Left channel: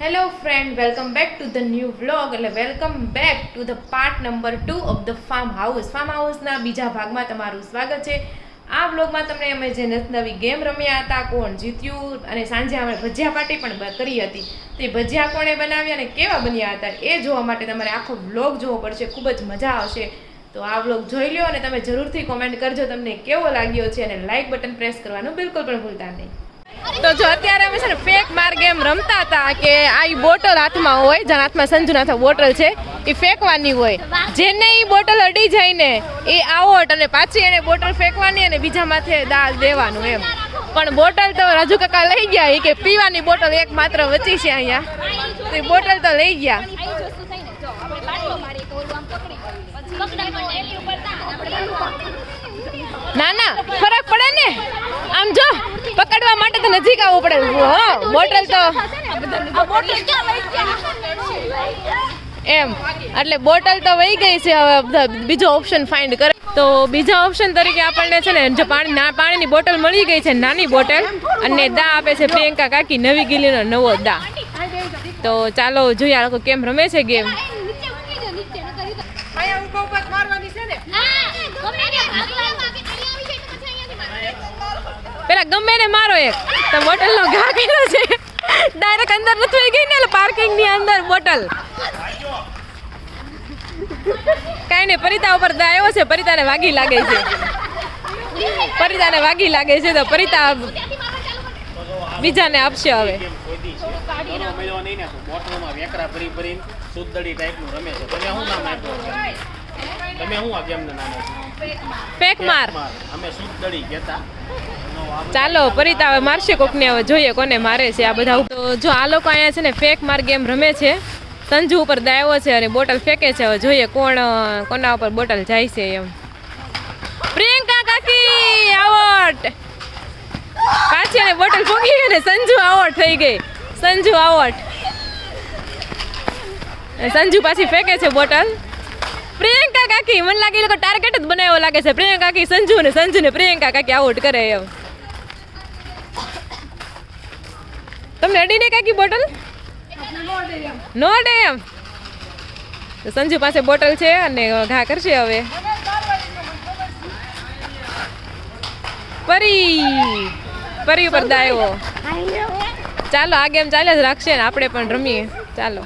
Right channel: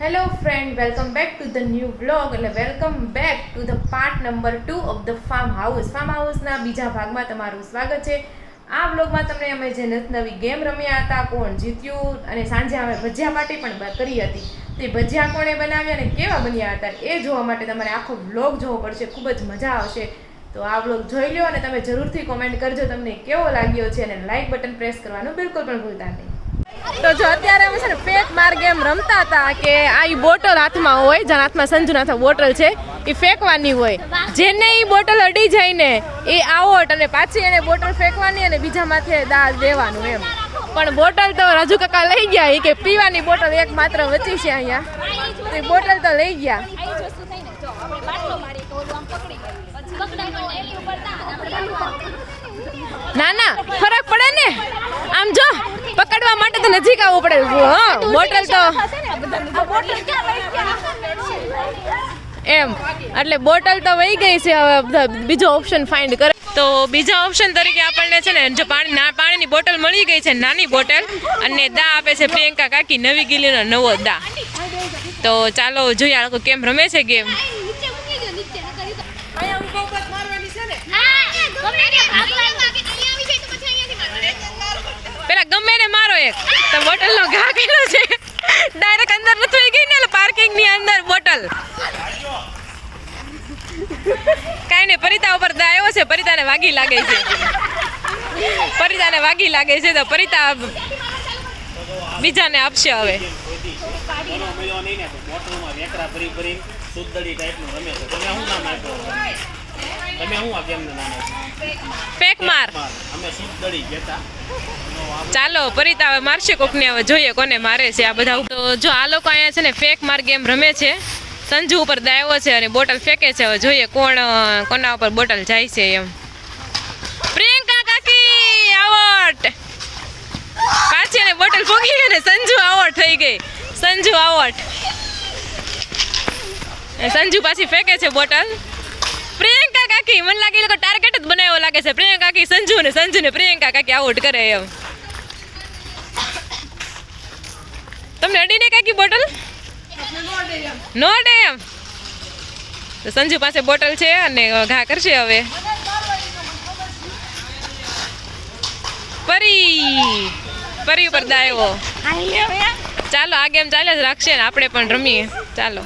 Hello friend, welcome back to the new vlog. એટલે welcome back to the part number 2 of the farm હાઉસના બીજા ભાગમાં તમારું સ્વાગત છે. આ વ્લોગમાં તમને અમે જે નવી ગેમ રમ્યા હતા, કોણ જીત્યું, અને સાંજે અમે ભજીયા પાર્ટી પણ કરી હતી. તો એ ભજીયા કોણે બનાવ્યા અને કેવા બન્યા હતા એ જોવા માટે તમારે આખો વ્લોગ જોવો પડશે. ખૂબ જ મજા આવશે. તો આ વ્લોગ જોઈ લો અને તમે જરૂરથી કોમેન્ટ કરજો તમને કેવો લાગ્યો છે, અને લાઇક બટન પ્રેસ કરવાનું બિલકુલ પણ ભૂલતા નહીં. તો જો અત્યારે અમે છે ને ફેક માર ગેમ રમતા હતા કે આ બોટલ હાથમાં હોય, જેના હાથમાં સંજુના બોટલ છે એ ફેંકવાની હોય. જેને એ બોટલ અડી જાય ને એ આઉટ, અને પાછી એને બોટલ ફેંકવાની અને બીજા માથે દાળ દેવાનું એમ. પણ બોટલ તો રાજુ કાકા લઈ ગયા, એ કે પીવાની બોટલ એક માત્ર વચી છે અહીંયા, તો એ બોટલ તો લઈ ગયા. ના ના ફરક પડે ને, આમ જો પકડવા માટે તો નજીક આવવું પડે. હા બોટલ તો એમ, એટલે બોટલ તો વહી ગઈ છે. હવે બીજો ઓપ્શન ફાઇન્ડ કરે તો બીજા ઓપ્શન તરીકે આપણને છે ને જો પાણીની બોટલ મળી ગઈ છે, નાની બોટલ, અને દા આપે છે પ્રિયંકા કાકી, નવી ગીલીનો નવો દા. તો ચાલો જોઈએ આ લોકો કેમ રમે છે ગેમ. પેલા ગમે ને મારો એક તો બોટલ નો ઘા કર્યો છે, ડાયરેક્ટ અંદર નથી ગઈ ને, પાર્કિંગ ની અંદર બોટલ. કઈ નઈ, પરિતા ઉપર દા આવ્યો છે, પરિતાને વાગી લાગે છે, પરિતાને વાગી લાગે છે, તો પરિતા બીજાને આપશે હવે. ફેક માર. ચાલો પરિતા હવે મારશે કોકને, હવે જોઈએ કોને મારે છે આ બધા. તો જો આ લોકો અહીંયા છે ને ફેક માર ગેમ રમે છે. સંજુ ઉપર દાયો છે અને બોટલ ફેંકે છે. હવે જોઈએ કોના ઉપર બોટલ જાય છે એમ. પ્રિયંકા કાકી આઉટ. પાછી એને બોટલ ફોગી અને સંજુ આઉટ થઈ ગઈ. સંજુ આઉટ. સંજુ પાછી ફેંકે છે બોટલ. પ્રિયંકા કાકી, મને લાગે એ લોકો ટાર્ગેટ જ બનાવ્યો લાગે છે. પ્રિયંકા કાકી સંજુ ને પ્રિયંકા કાકી આઉટ કરે એમ. તમને અડી ને કાકી બોટલ નો અડે એમ. તો સંજુ પાસે બોટલ છે અને ઘા કરશે હવે. પરી ઉપર દાયો. ચાલો આ ગેમ ચાલ્યા જ રાખશે ને આપણે પણ રમીએ. ચાલો.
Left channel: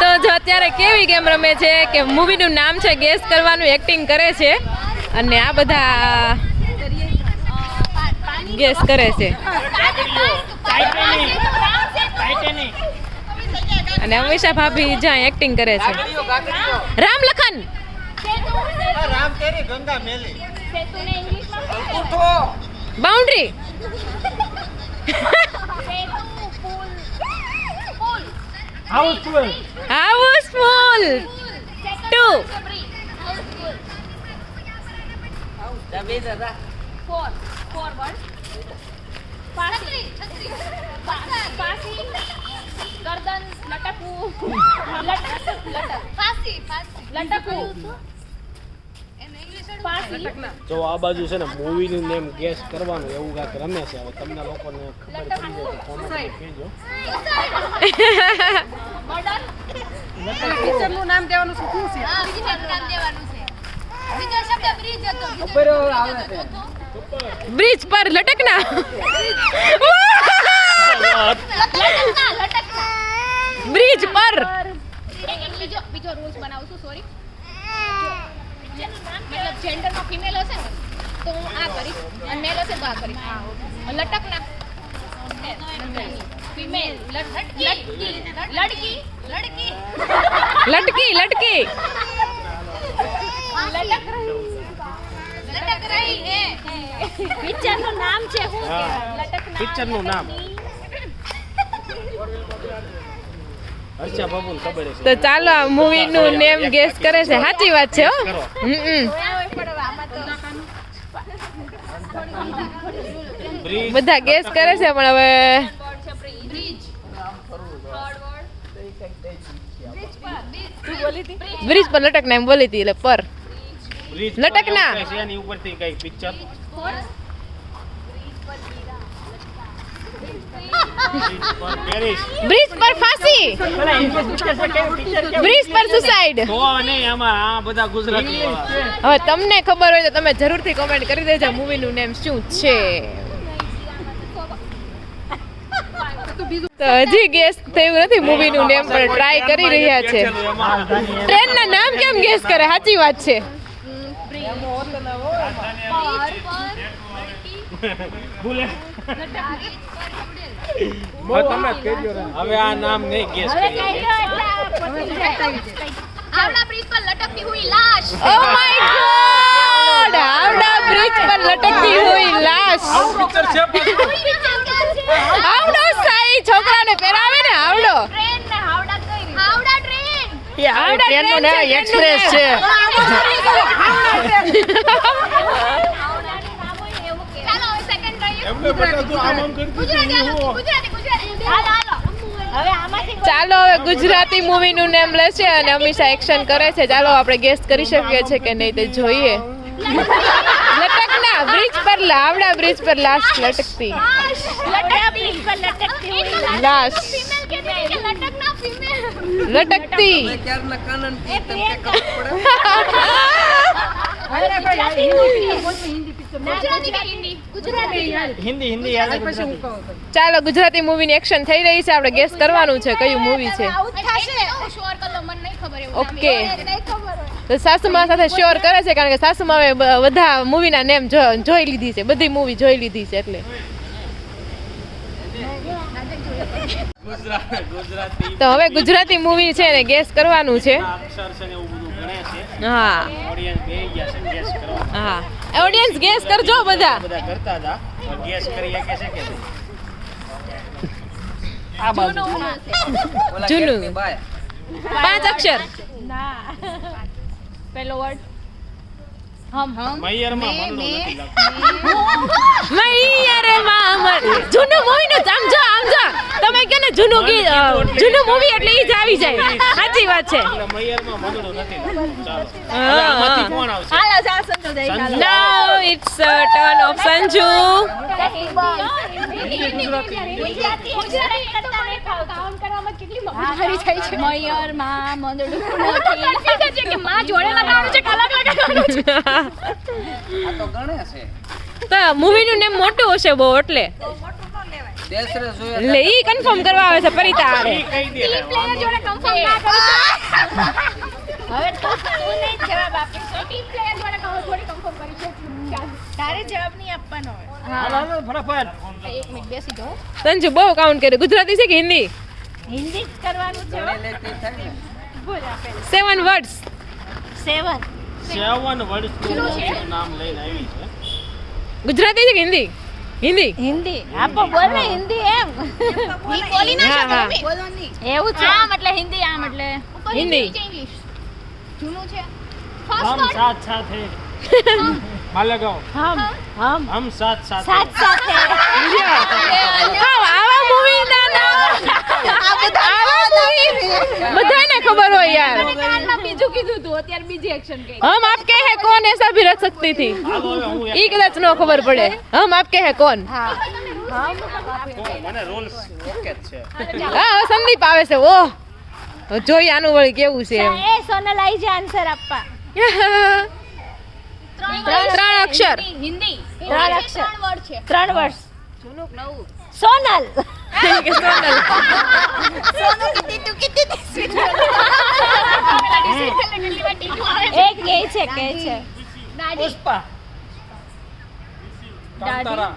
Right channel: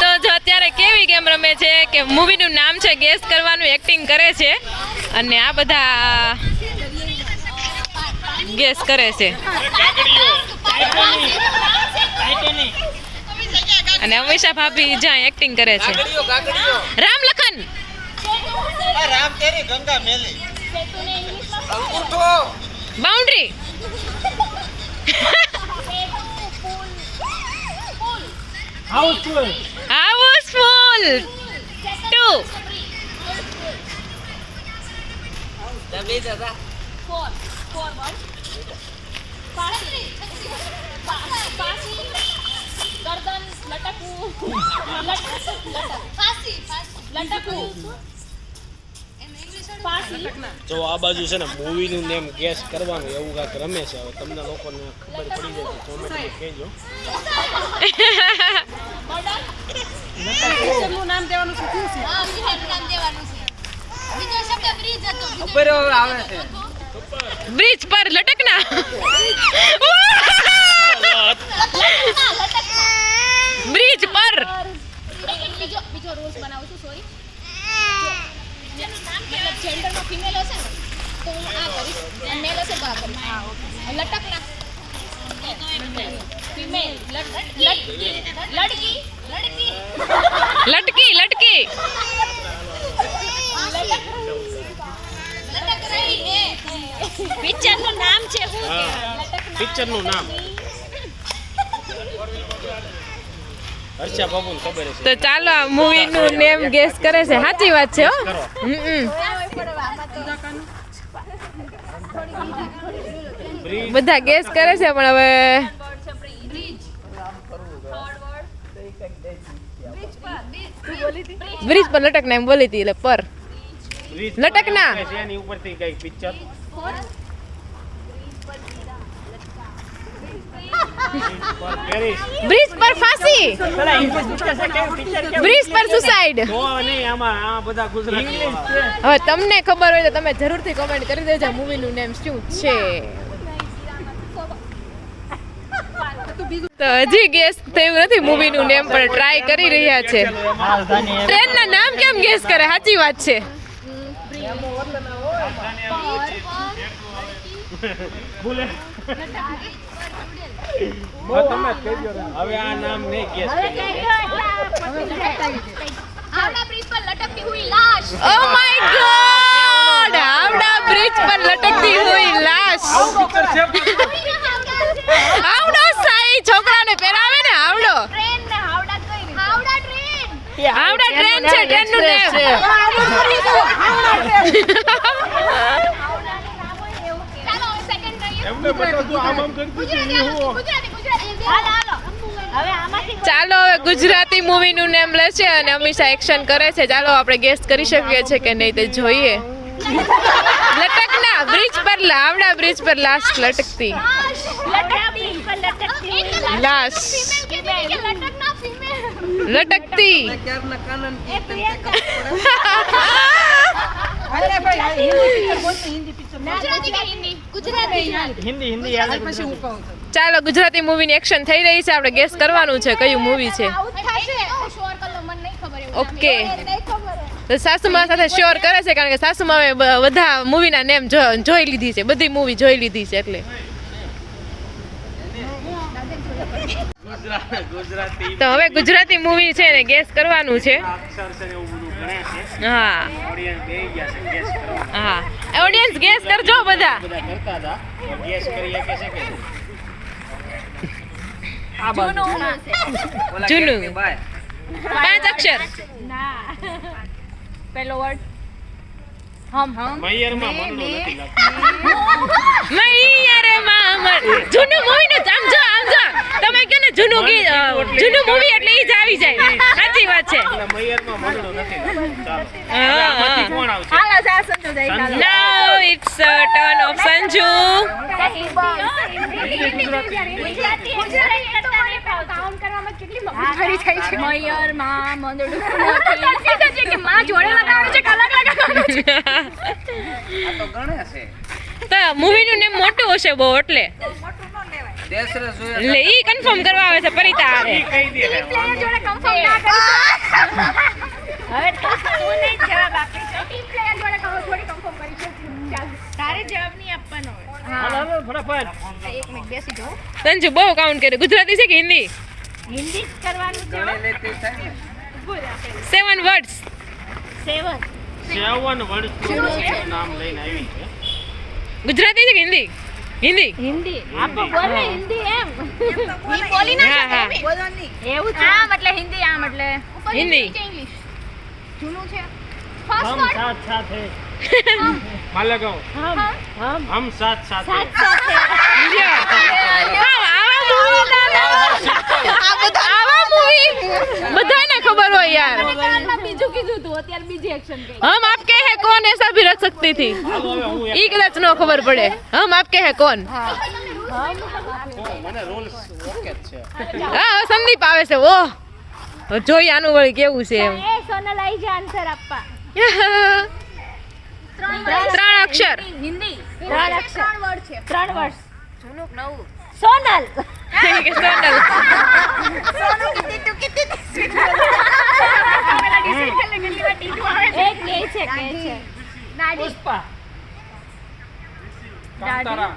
તો જો અત્યારે કેવી ગેમ રમે છે કે મૂવીનું નામ છે ગેસ કરવાનું, એક્ટિંગ કરે છે અને આ બધા ગેસ કરે છે. અને અમીષા ભાભી જ્યાં એક્ટિંગ કરે છે. રામ લખન. બાઉન્ડ્રી. Houseful 2. જો આ બાજુ છે ને મૂવી નું નેમ ગેસ કરવાનું એવું કાંઈક રમે છે. હવે તમને લોકોને ખબર પડી જાય તો કોમેન્ટ કહેજો. પિક્ચરનું નામ દેવાનું છે. હા, પિક્ચરનું નામ દેવાનું છે. બીજો શબ્દ બ્રિજ હતો. ઉપર આવે છે. બ્રિજ પર લટકના. બ્રિજ પર. બીજો રૂલ્સ બનાવું છું. સોરી, મતલબ જેન્ડરમાં ફિમેલ હશે ને તો હું આ કરીશ, અને મેલ હશે તો આ કરીશ. લટકના. ફિમેલ લટકી. લટક રહી હે. પિક્ચરનું નામ છે શું? પિક્ચરનું નામ હર્ષા બાબુને ખબર છે. તો ચાલો આ મૂવી નું નેમ ગેસ કરે છે. સાચી વાત છે હો. બધા ગેસ કરે છે પણ હવે બ્રિજ પર લટકના એમ બોલી હતી. એટલે પર લટકના એની ઉપરથી કઈ પિક્ચર પેરિસ બ્રિજ પર ફાંસી, બ્રિજ પર સુસાઇડ. તો નહીં આમાં આ બધા ગુજરાતી હવે તમને ખબર હોય તો તમે જરૂરથી કોમેન્ટ કરી દેજો મૂવીનું નેમ શું છે. તો હજી ગેસ થયું નથી મૂવીનું નેમ, પણ ટ્રાય કરી રહ્યા છે. ટ્રેનના નામ કેમ ગેસ કરે? સાચી વાત છે. ભૂલે હવે આ નામ નહીં ગેસ હાવડા બ્રિજ પર લટકતી હુઈ લાશ. Oh my God! Howrah bridge પર લટકતી હુઈ લાશ. હાવડો સાઈ છોકરાને પહેરાવે ને હાવડો. ટ્રેન ને હાવડા કઈ રીતે? હાવડા ટ્રેન. હાવડા ટ્રેન છે, ટ્રેનનું નામ. ચાલો હવે સેકન્ડ ટ્રાય. ગુજરાતી. હાલો. હવે આમાંથી ચાલો હવે ગુજરાતી મૂવીનું નામ લેશે અને અમીષા એક્શન કરે છે. ચાલો આપણે ગેસ કરી શકીએ છીએ કે નહીં તે જોઈએ. લટકના બ્રિજ પર હાવડા બ્રિજ પર લાશ લટકતી. લાશ લટકતી. હિન્દી ચાલો ગુજરાતી મૂવીની એક્શન થઈ રહી છે. આપણે ગેસ કરવાનું છે કયું મૂવી છે. ઓકે, તો સાસુમા સાથે શ્યોર કરે છે કારણ કે સાસુમાએ બધા મૂવીના નેમ જોઈ લીધી છે, બધી મૂવી જોઈ લીધી છે એટલે. તો હવે ગુજરાતી મૂવી છે ને ગેસ કરવાનું છે. હા હા, ઓડિયન્સ ગેસ કરજો બધા. જૂનું 5 અક્ષર. પહેલો વર્ડ મૈયરે મામર. જૂનું મૂવી નું આમ જો તમે કહો ને જૂનું જૂનું મૂવી એટલે ઈ જ આવી જાય. સાચી વાત છે. હાલો જા સંજુ જઈ હાલો. Now it's a turn of Sanju. Count કરવામાં કેટલી મગજમારી થાય છે. મયર માં મંદડું નથી કે માં જોડે લગાવવાનું છે કે અલગ લગાવવાનું છે. આ તો ગણે છે. તો મૂવી નું નામ મોટું હશે બહુ એટલે દેશરે જોયા એટલે ઈ કન્ફર્મ કરવા આવે છે પરિતા આરે. ટીમ પ્લેયર જોડે કન્ફર્મ ના કરી હવે તો તું નહીં જવાબ આપી છે. ટીમ પ્લેયર જોડે થોડી કન્ફર્મ કરી છે. ચાલ તારે જવાબ નહીં આપવાનો હોય. એક મિનિટ બેસી જાઓ. સંજુ બહુ કાઉન્ટ કરે. ગુજરાતી છે કે હિન્દી? હિન્દી કરવાનું છે. ગણે લેતી થાય ને. 7 words. 7 નામ લઈને આવી છે. ગુજરાતી છે કે હિન્દી? હિન્દી. હિન્દી આપો બોલ ને હિન્દી એમ ઈ બોલી ના હા, હા. શકે બોલવાની એવું છે. આમ એટલે હિન્દી આમ એટલે હિન્દી. ઇંગ્લિશ જૂનું છે. हम ફર્સ્ટ વર્ડ साथ साथ है हाँ लगाओ हम साथ साथ हैं। આવા મૂવી બધાને ખબર હોય યાર. કાનમાં બીજું કીધું તું અત્યારે બીજી એક્શન કરી. हम आपके हैं कौन ऐसा भी रख सकती थी. હાલો હવે હું ઈ કદાચ નો ખબર પડે. हम आपके हैं कौन. મને રૂલ્સ ઓકે જ છે. હા સંદીપ આવે છે. ઓહ જોઈ આનું વળી કેવું છે એમ. એ સોનલ આઈ છે આન્સર આપવા. 3 અક્ષર. હિન્દી 3 અક્ષર 3 વર્ડ છે. 3 વર્ડ જૂનું નવું સોનલ કે સોનલ. એક કે છે દાદી પુષ્પા કાંતારા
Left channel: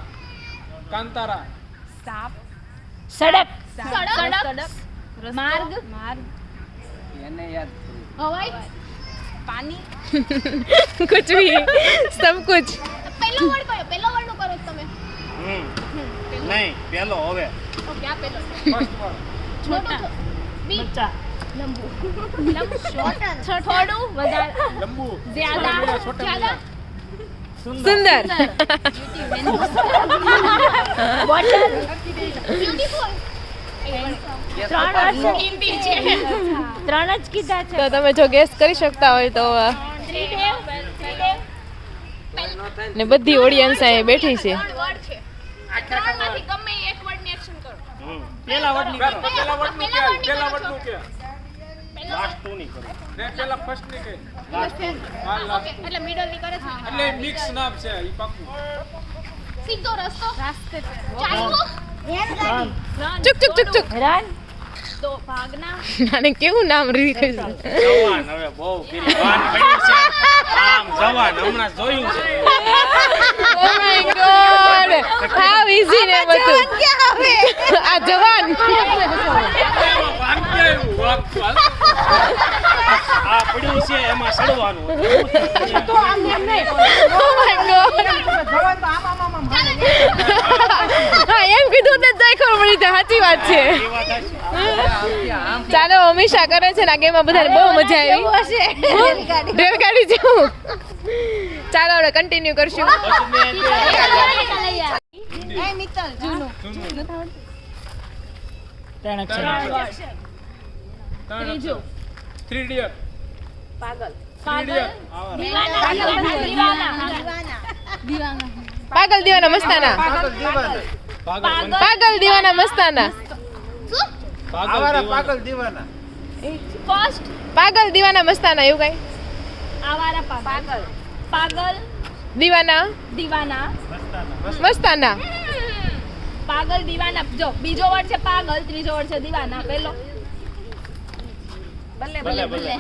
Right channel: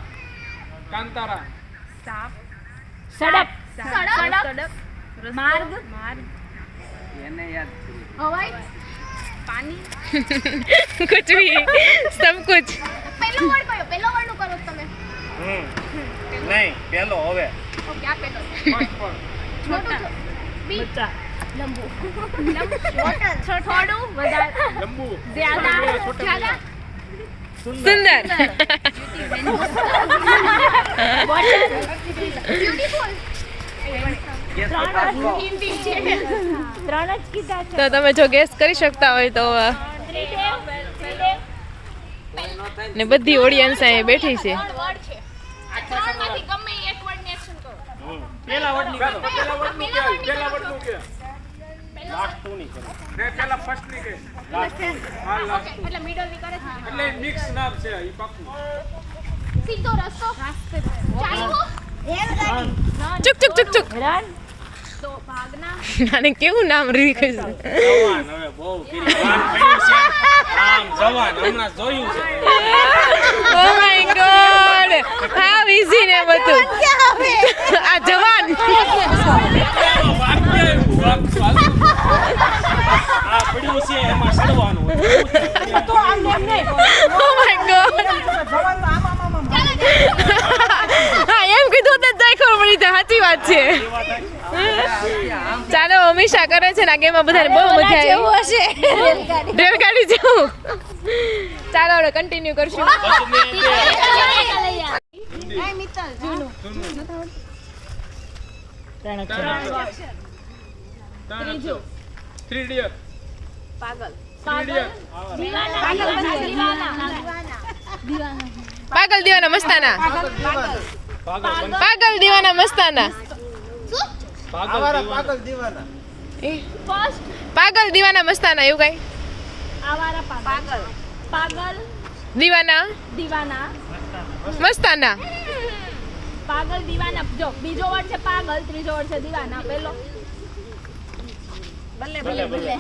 કાંતારા સડક માર્ગ એને યાદ હવાઈ પાણી कुछ भी सब कुछ. પહેલો વર્ડ કયો પહેલો વર્ડ નું કરો તમે નહીં પેલો હવે ઓકે આ પહેલો ફર્સ્ટ વર્ડ છોટા બી લંબુ થોડું વધારે લંબુ જ્યાદા सुंदर. તો તમે જો ગેસ કરી શકતા હોય તો ને બધી ઓડિયન્સ અહીં બેઠી છે. ત્રણ વર્ડ છે આ ત્રણમાંથી ગમે એક વર્ડ ની એક્શન કરો પેલા વડની કરો. પેલા વડનું કે પેલા વડનું કે લાસ્ટ ટુ ની કરો ને પેલા ફર્સ્ટ ની કે લાસ્ટ ટુ હા લાસ્ટ એટલે મિડલ ની કરે છે એટલે મિક્સ નામ છે ઈ પાકું સીધો રસ્તો ચાલ્યો ચુક ચુક ચુક ચુક તો ભાગના નાને કેવું નામ રીખ્યું છે જવાન હવે બહુ કરી વાન પડ્યું છે આમ જવાન હમણાં જોયું છે oh my God how easy ને બધું આ જવાન આ પડ્યું છે એમાં સડવાનું ઓ માય ગોડ હા એમ કીધું તો જ ખબર પડી જાય સાચી વાત છે ચાલો હંમેશા કરે છે ને આ ગેમમાં બધાને બહુ મજા આવી રેલગાડી જેવું ચાલો હવે કન્ટિન્યુ કરશું એ મિત્તલ જૂનું ત્રીજો 3 ડિયર પાગલ પાગલ દીવાના મસ્તાના પાગલ દીવાના મસ્તાના પાગલ દીવાના ફર્સ્ટ પાગલ દીવાના મસ્તાના એવું કઈ આવારા પાગલ પાગલ દીવાના દીવાના મસ્તાના પાગલ દીવાના જો બીજો વર્ડ છે પાગલ ત્રીજો વર્ડ છે દીવાના પહેલો બલ્લે બલ્લે બલ્લે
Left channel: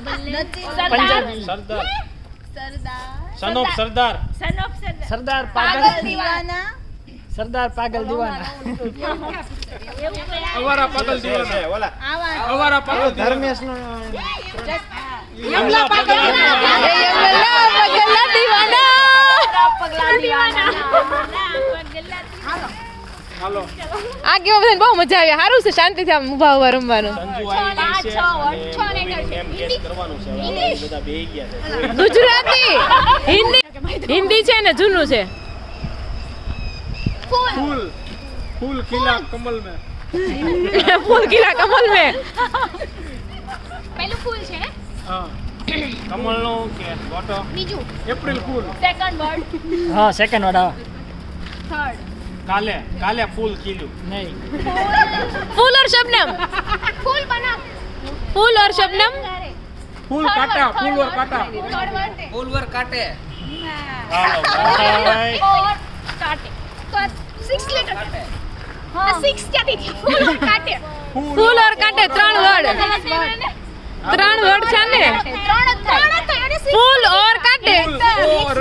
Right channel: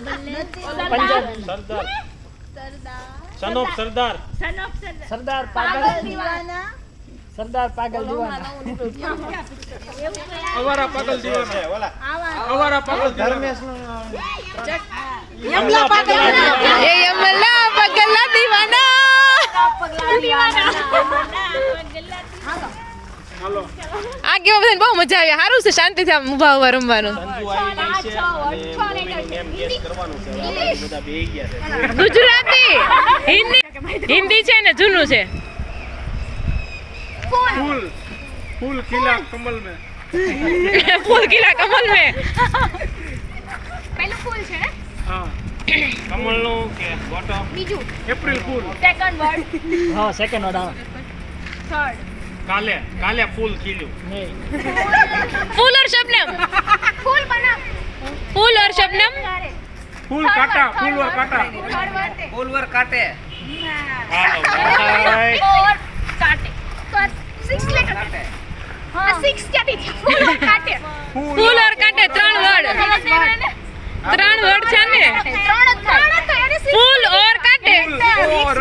બલ્લે સરદાર સનોપ સરદાર સનોપ સરદાર પાગલ દીવાના સરદાર પાગલ દીવાના અવારા પાગલ દીવાના ઓલા અવારા પાગલ ધર્મેશ યમલા પાગલ એ યમલા પાગલ દીવાના પગલા દીવાના હાલો આ ગેમ બધાને બહુ મજા આવી સારું છે શાંતિથી આમ ઊભા ઊભા રમવાનું સંજુ આવી છે અને એમ ગેસ કરવાનું છે હવે બધા બેહી ગયા છે ગુજરાતી હિન્દી હિન્દી છે ને જૂનું છે फूल फूल खिला कमल में ફૂલ ખીલા કમલ મેં પહેલું ફૂલ છે ને हाँ कमल नो के वाटो બીજું अप्रैल फूल સેકન્ડ વર્ડ हाँ सेकंड वाला થર્ડ काले काले फूल खिल्યું नहीं फूल और शबनम ફૂલ બનાવ फूल और शबनम फूल काटा फूल और काटा ફૂલવર કાટે और काटे तो 6 लेटर हां 6 ક્યાંથી થયા ફૂલ और કાટે फूल और काटे ત્રણ વર્ડ ત્રણ વર્ડ છે ને ત્રણ જ થાય फूल और काटे और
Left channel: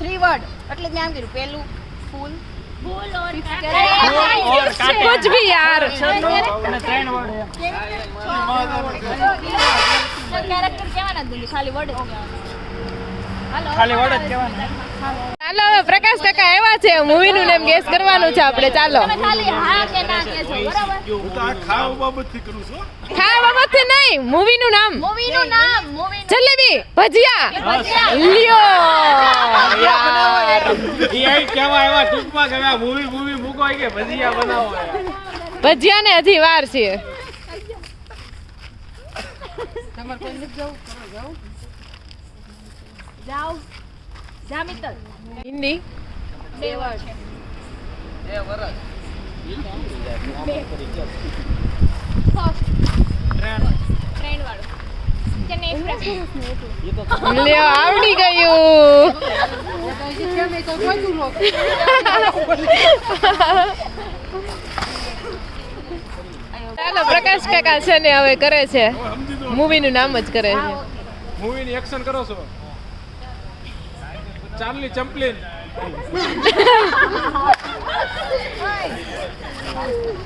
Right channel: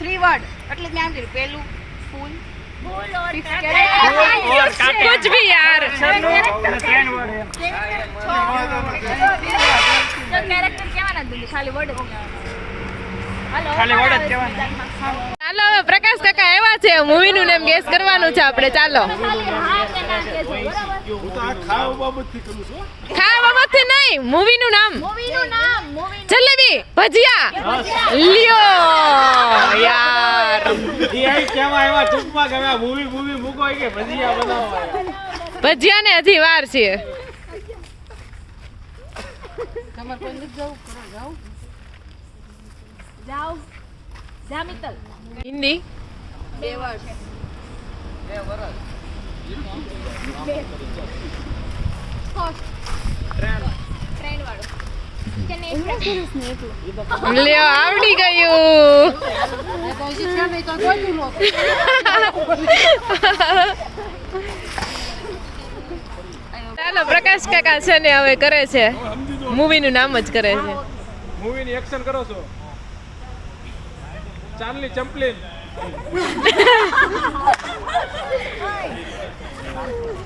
3 વર્ડ એટલે ધ્યાન કર્યું પહેલું ફૂલ ફૂલ और કાટે कुछ भी यार કેરેક્ટર કેવાના જ ખાલી વર્ડ હાલો ખાલી word જ કહેવાના. ચાલો હવે પ્રકાશ કાકા આવ્યા છે મૂવી નું નેમ ગેસ કરવાનું છે આપણે ચાલો ખાલી હા કે ના કહેજો બરાબર હું તો આ ખાવ બાબતથી કરું છું ખાવા બાબતથી નહીં મૂવી નું નામ મૂવી નું નામ મૂવી જલેબી ભજીયા લ્યો યાર એ આઈ કેવા એવા ટૂંકમાં ગયા મૂવી મૂવી મૂકો કે ભજીયા બનાવો ભજીયા ને હજી વાર છે જાઓ જા મિત્તલ હિન્દી બે વર્ડ એ વરસ ટ્રેન વાળો ચેન્નઈ એક્સપ્રેસ લ્યો આવડી ગયું ચાલો પ્રકાશ કાકા છે ને હવે કરે છે મૂવી નું નામ જ કરે છે મૂવી ની એક્શન કરો છો Charlie Chaplin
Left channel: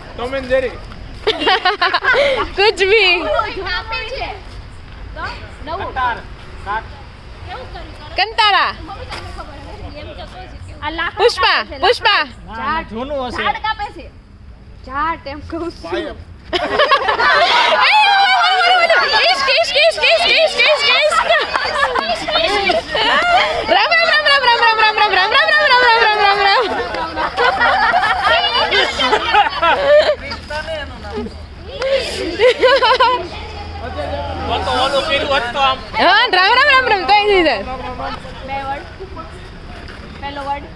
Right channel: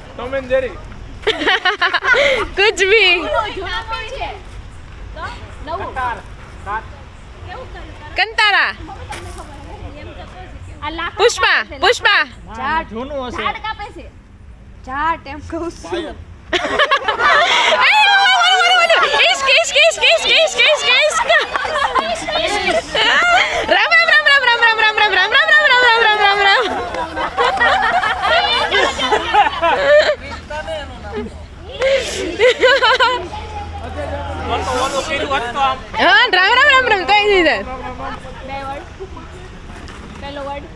Tom and Jerry कुछ भी છે તો નવું કંતારા આ લાખ પુષ્પા પુષ્પા જૂનું હશે ઝાડ કાપે છે ઝાડ એમ કહું છું इश्क इश्क इश्क इश्क इश्क इश्क इश्क राम राम राम राम राम राम राम राम राम राम राम राम राम राम राम हाँ राम राम राम राम कहीं नहीं सर બે વર્ડ પહેલો વર્ડ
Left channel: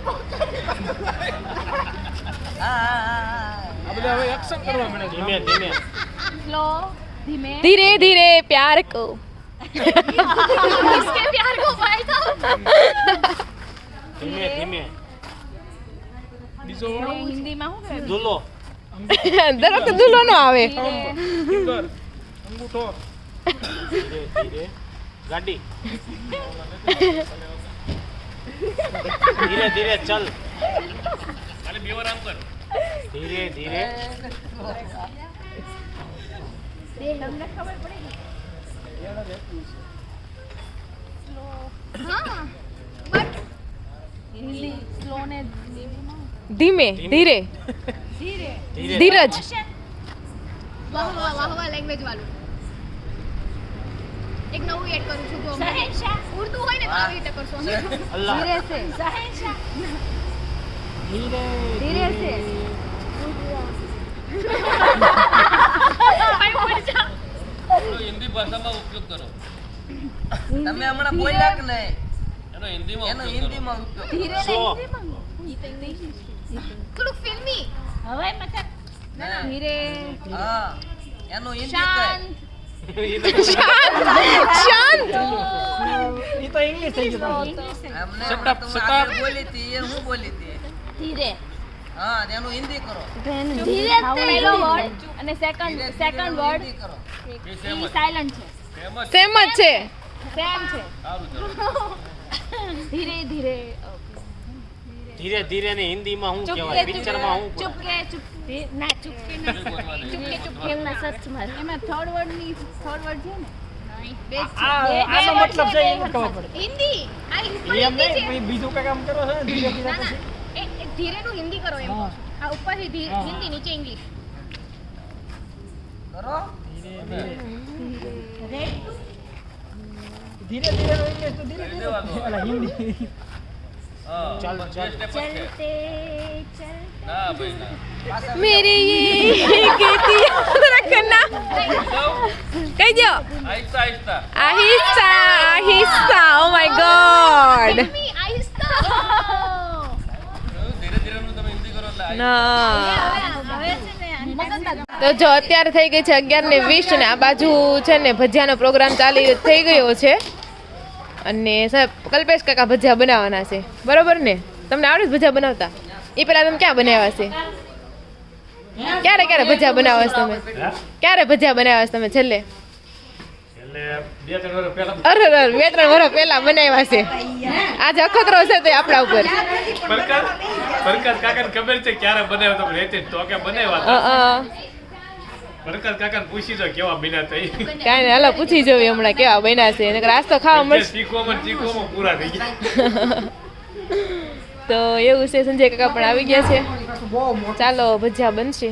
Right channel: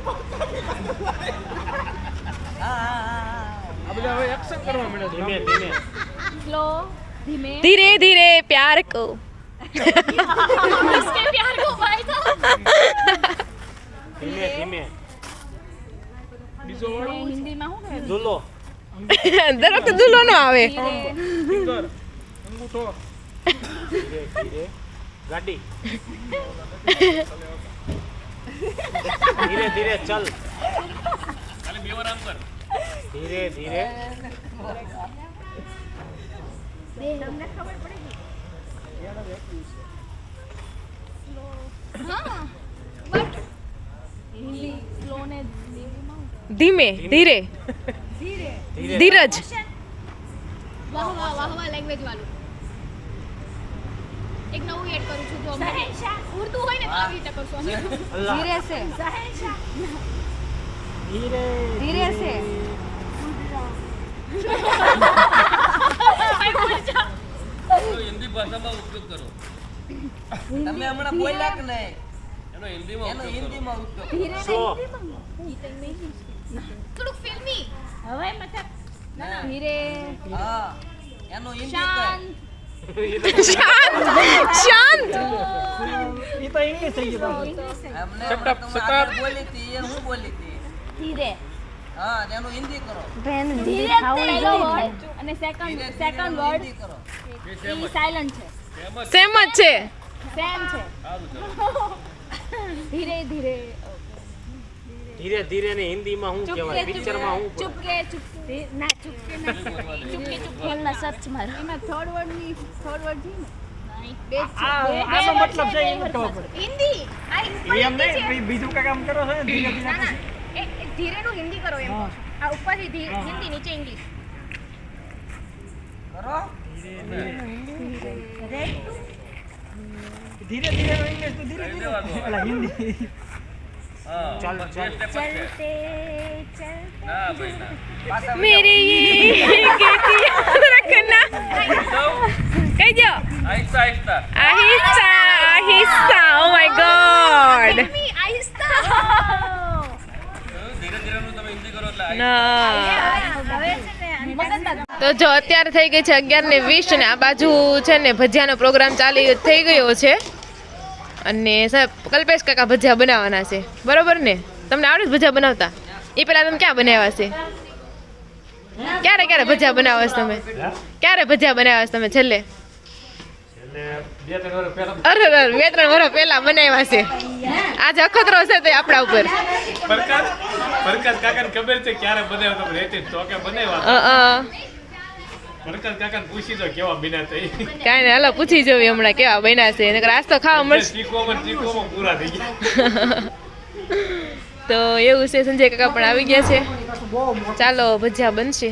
એક્શન કરવા મને ધીમે ધીમે स्लो धीमे ધીરે ધીરે પ્યાર કો इसके प्यार को भाई तो ધીમે ધીમે બીજો हिंदी में हूँ દુલો દરેક દુલ્હો નો આવે ફિંગર અંગૂઠો ધીરે ધીરે ગાડી ધીરે ધીરે ચલ ખાલી બે વાર આમ કર ધીરે ધીરે हाँ बट हिंदी स्लो ने ધીમે ધીરે धीरे ધીરજ वाह वाह वाह वाह लैंग्वेज वालों एक नવું એડ કરું છું જો અમે ઉર્દુ હોય ને તો આવી રીતે કરશો અમે ધીરે સે ધીરે સે ભાઈ બોલ જા હિન્દી ભાષામાં ઉપયોગ કરો તમે હમણાં બોલ્યા કે નહીં એનો હિન્દીમાં ઉપયોગ ધીરે સો. થોડુંક ફિલ્મી હવે મતલબ ના ના ધીરે હા એનો હિન્દી શાંત શાંત એ તો ઇંગ્લિશ થઈ ગયું અમને શટઅપ, તમે શટઅપ. આગળ બોલી હતી એ હું બોલી હતી ધીરે હા એનું હિન્દી કરો ધીરે પહેલો વર્ડ અને સેકન્ડ વર્ડ હિન્દી કરો ઈ સાયલન્ટ છે સેમ જ છે સેમ છે ધીરે ધીરે ધીરે ધીરે ને હિન્દીમાં શું કહેવાય પિક્ચરમાં શું ચુપકે ચુપકે ના ચુપકે ના ચુપકે ચુપકે એમાં સચ મારે એમાં થર્ડ વર્ડ છે ને બે જ છે આનો મતલબ છે એ ખબર પડે. હિન્દી આ ઉપર એમ હિન્દી છે નહીં બીજું કઈ કામ કરો છો ને ધીરે ધીરે ના ના એ ધીરે નું હિન્દી કરો એમ કહું છું આ ઉપર હિન્દી નીચે ઇંગ્લિશ કરો ધીરે ધીરે ઇંગ્લિશ તો ધીરે ધીરે ઓલા હિન્દી હા ચાલ, ચાલ. ચલતે ચલતે ના ભાઈ ના પાછા મેરી ये कहती रखना કઈ દો આહિસ્તા આહિસ્તા આહિસ્તા આહિસ્તા ઓ માય ગોડ મમ્મી આહિસ્તા ધીરે ધીરે નું તમે હિન્દી કરો એટલે ના હવે છે ને મગજના તો જો અત્યારે થઈ ગઈ છે 11:20 અને આ બાજુ છે ને ભજીયાનો પ્રોગ્રામ થઈ ગયો છે અને સાહેબ કલ્પેશ કાકા ભજીયા બનાવવાના છે બરોબર ને તમને આવડે છે ભજીયા બનાવતા એ પેલા તમે ક્યાં બનાવ્યા છે ક્યારે ક્યારે ભજીયા બનાવો છો તમે ક્યારે ભજીયા બનાવ્યા છો તમે છેલ્લે એટલે 2-3 વર્ષ પહેલા અરે અરે 2-3 વર્ષ પહેલા બનાવ્યા છે આજે અખતરો છે તે આપણા ઉપર પરકાશ કાકાને ખબર છે ક્યારે બનાવ્યો તમે રહેતી તો કે બનાવ્યા પરકાશ કાકાને પૂછી જો કેવા બન્યા હતા ઈ. કાંઈ ને હાલો પૂછી જોવી હમણાં કેવા બન્યા છે નકર આજ તો ખાવા મળશે ચીખવામાં પૂરા થઈ ગયા તો એવું છે સંજય કાકા પણ આવી ગયા છે ચાલો ભજીયા બનશે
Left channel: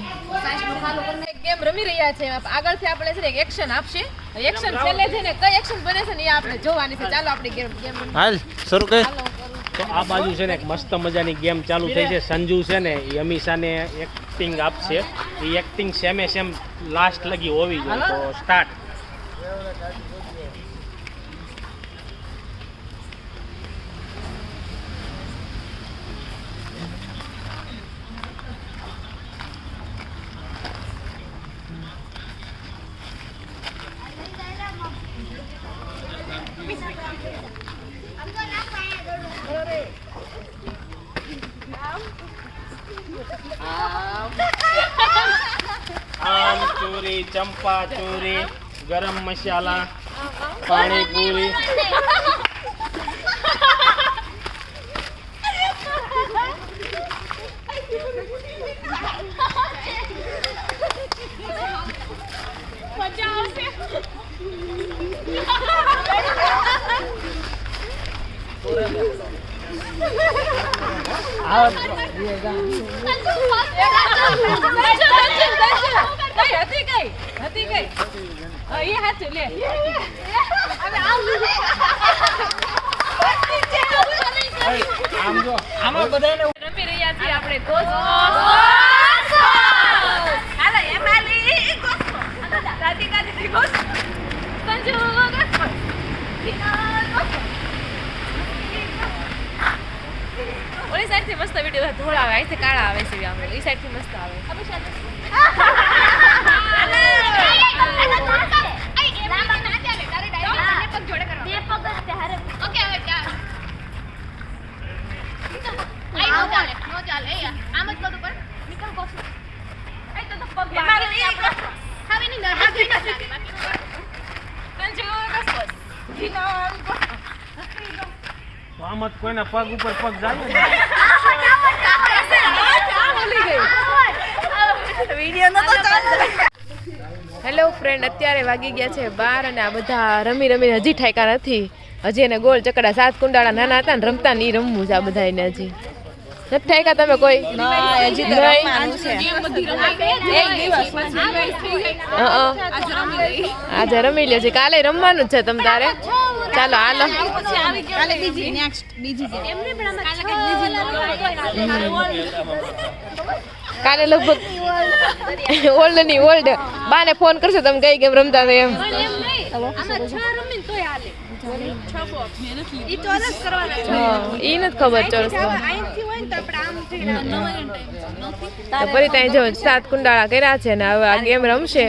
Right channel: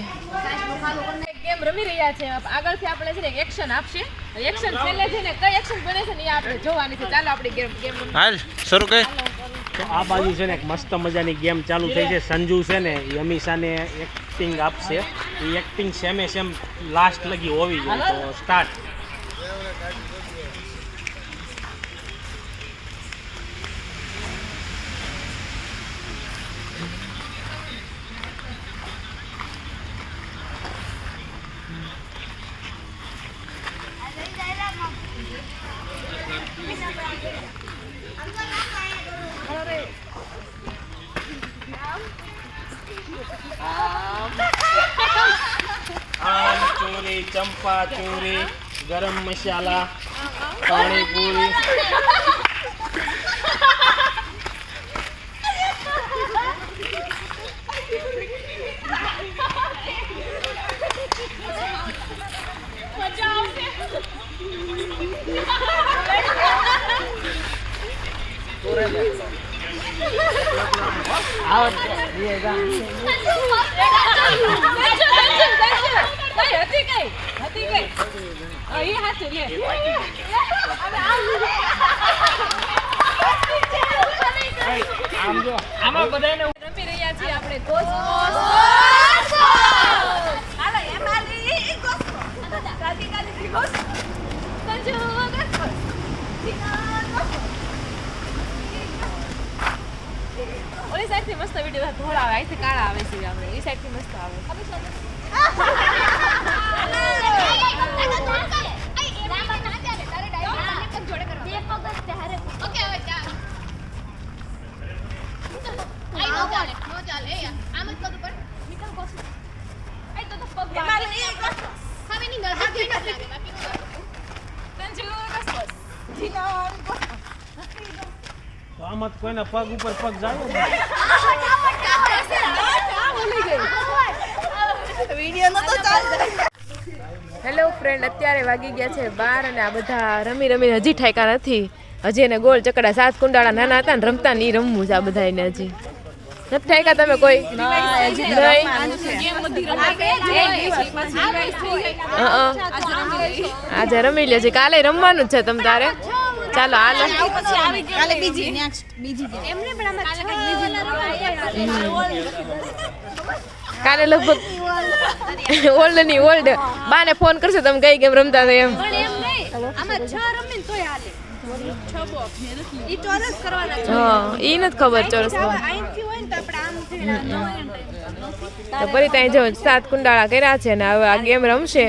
ગેમ રમી રહ્યા છે આગળથી આપણે છે ને એક્શન આપશે એક્શન છેલ્લે છે ને કઈ એક્શન બને છે ને એ આપણે જોવાની છે ચાલો આપણે ગેમ હાલ શરૂ કર આ બાજુ છે ને એક મસ્ત મજાની ગેમ ચાલુ થઈ છે સંજુ છે ને એ અમીષાને એક્ટિંગ આપશે એ એક્ટિંગ સેમે સેમ લાસ્ટ લગી હોવી જોઈએ તો સ્ટાર્ટ આમ ચોરી ચંપા ચોરી ગરમ મસાલા પાણીપુરી મજા આવશે આમાં બધાને રમી રહ્યા છીએ આપણે ઓલી સાઈડ થી મસ્ત વિડીયો ધોળા આવે અહીંથી કાળા આવે છે આપણે એ સાઈડ થી મસ્ત આવે આમાં તો કોઈના પગ ઉપર પગ જાય ને. હેલો ફ્રેન્ડ, અત્યારે વાગી ગયા છે 12 અને આ બધા રમી રમીને હજી ઠાયકા નથી. હજી એને ગોળ ચકડા 7 કુંડાળા નાના હતા ને રમતા ને ઈ રમવું છે આ બધા એને હજી નથી ઠાયકા. તમે કોઈ આજે રમી લે છે, કાલે રમવાનું જ છે તમ તારે. ચાલો હાલો કાલે લગભગ ઓલ્ડ ની ઓલ્ડ બાને ફોન કરશો તમે કઈ ગેમ રમતા હતા એમ. ઈ નથી ખબર ચોરસ તો ફરી ત્યાં જો 7 કુંડાળા કર્યા છે ને હવે આ ગેમ રમશે.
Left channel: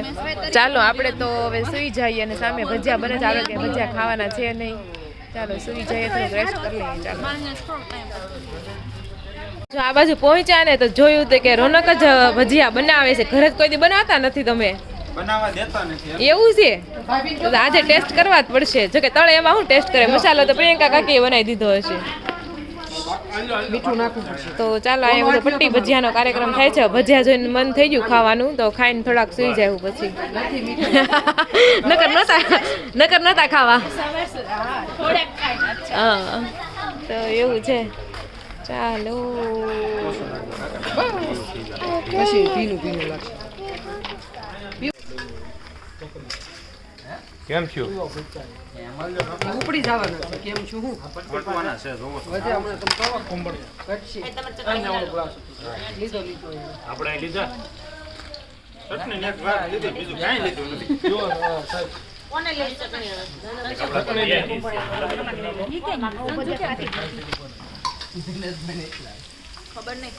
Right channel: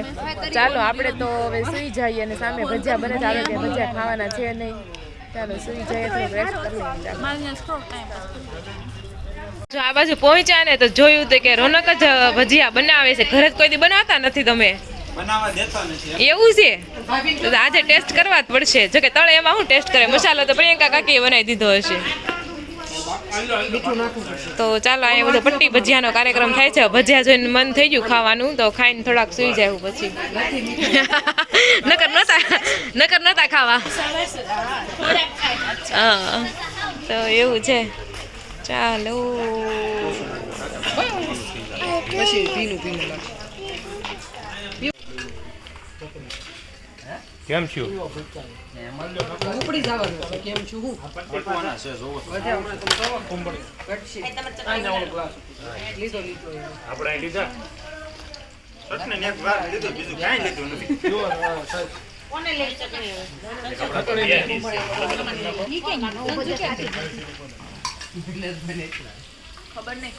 ચાલો આપણે તો હવે સુઈ જઈએ અને સામે ભજીયા બને ચાલો કે ભજીયા ખાવાના છે નહીં. ચાલો સુઈ જઈએ તો રેસ્ટ કરી લઈએ. ચાલો જો આ બાજુ પહોંચ્યા ને તો જોયું તો કે રોનક જ ભજીયા બનાવે છે. ઘરે જ કોઈ દી બનાવતા નથી તમે? બનાવવા દેતા નથી. એવું છે તો આજે ટેસ્ટ કરવા જ પડશે. જો કે તળે એમાં હું ટેસ્ટ કરે મસાલો તો પ્રિયંકા કાકીએ બનાવી દીધો હશે. તો ચાલો અહીંયા બધો પટ્ટી ભજીયાનો કાર્યક્રમ થાય છે. ભજીયા જોઈને મન થઈ ગયું ખાવાનું તો ખાઈને થોડાક સુઈ જાય પછી. નકર નતા ખાવા. હા તો એવું છે. ચાલો કેમ છું? પટવાના છે જોવો. આપણે લીધા સટને એક વાર લીધી બીજું ક્યાંય લીધું નથી. ખબર નહીં